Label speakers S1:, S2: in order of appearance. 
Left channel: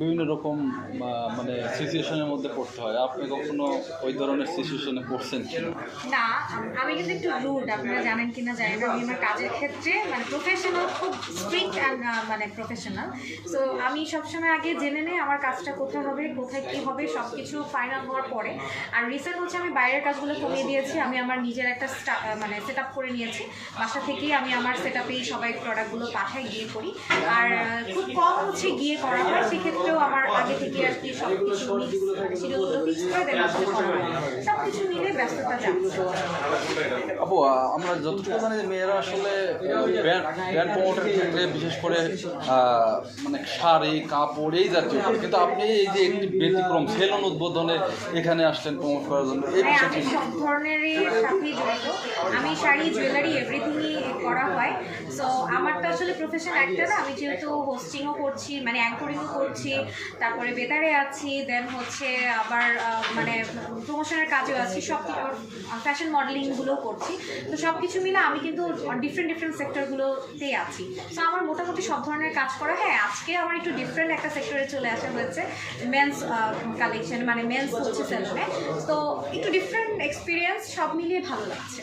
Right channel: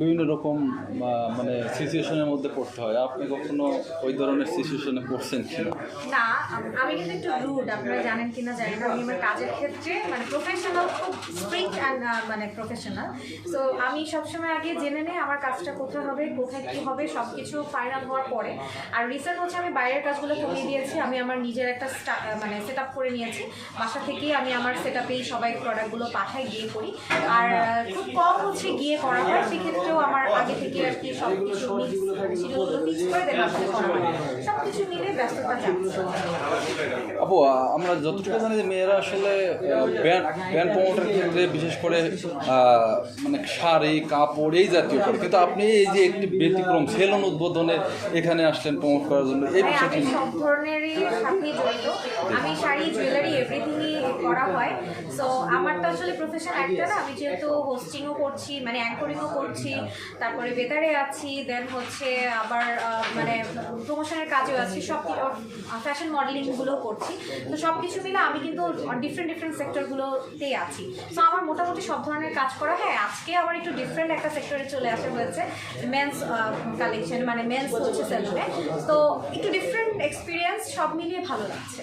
S1: বিভিন্ন রকম মানে সিচুয়েশনের মধ্যে পড়তে হয়। আপনি কখনো ওই ধরনের সিচুয়েশনে পড়ছেন কি
S2: না, আমি কিন্তু একটু রুড। আপনারা জানেন কিনা জানি না। আমি আমার কাজের ক্ষেত্রে মানে প্রফেশনাল খুব স্ট্রিক্ট অ্যান্ড মানে প্রফেশনাল সো আমি সবসময় আগে জেনে নেই আমার কাজটা কোথায় হবে, কোথায় কী হবে সব কিছু ফাইনাল হওয়ার পরে। আর রিসেন্ট হচ্ছে আমি বাইরের কাজগুলো কমিয়ে দিয়েছি, আমি আমার নিজের একটা মানে সেট করে নিয়েছি। বাসা থেকেই আমি আমার সেট আপেই সবাই প্রোডাক্টগুলো পাঠাই গিয়ে করি। আর খুব কম হচ্ছে গিয়ে করা হয়, সেক্ষেত্রেও আগে থেকে আর কি সব কিছু শিডিউলগুলো ফিক্স করে দেন সব কিছু মিলে ব্যস্ততা যাচ্ছে।
S1: আপু আমরা যতটুকু জানি যে মেয়েরা আসলে ব্যান্ড ব্যান্ড প্রমোটের ক্ষেত্রে বিশেষ করে মানে শাড়ি কাপড় এই জাতীয় কিন্তু আপনি এই যে একটি ব্যতিক্রম সেলুন উদ্বোধনে এখানে আসলেন প্রমোট করার জন্য এই
S2: হ্যাঁ
S1: বিষয়টি
S2: সব ধরনেরই জড়িত আমি শাড়ি জুয়েলারি এভরিথিংই করা হয়। সো আমার তো আসলে প্রফেশন একটা না, আমি যেহেতু হোস্টিংও করছি মানে অ্যাঙ্করিংও করছি, তারপরে বেতারে আছি দেন হচ্ছে আবার মানে প্রমোশনের কাজেও আছি, সব ফ্যাশন মডেলিংগুলোও করছি। তো সব কিছু মিলে আমি কিন্তু ডিফারেন্ট ডিফারেন্ট সেক্টরগুলোতেই আছি। সো আমার মোটামুটি সব ধরনের কাজ করা, হয়, আজকে আমার একটু ডিফারেন্ট একটা সেক্টরে চলে আসা হয়েছে মেন্স কালেকশন মানে মেন্স হচ্ছে সেলুনে তো একটু ডিফারেন্ট এক্সপিরিয়েন্স সব মিলিয়ে ভালো লাগছে।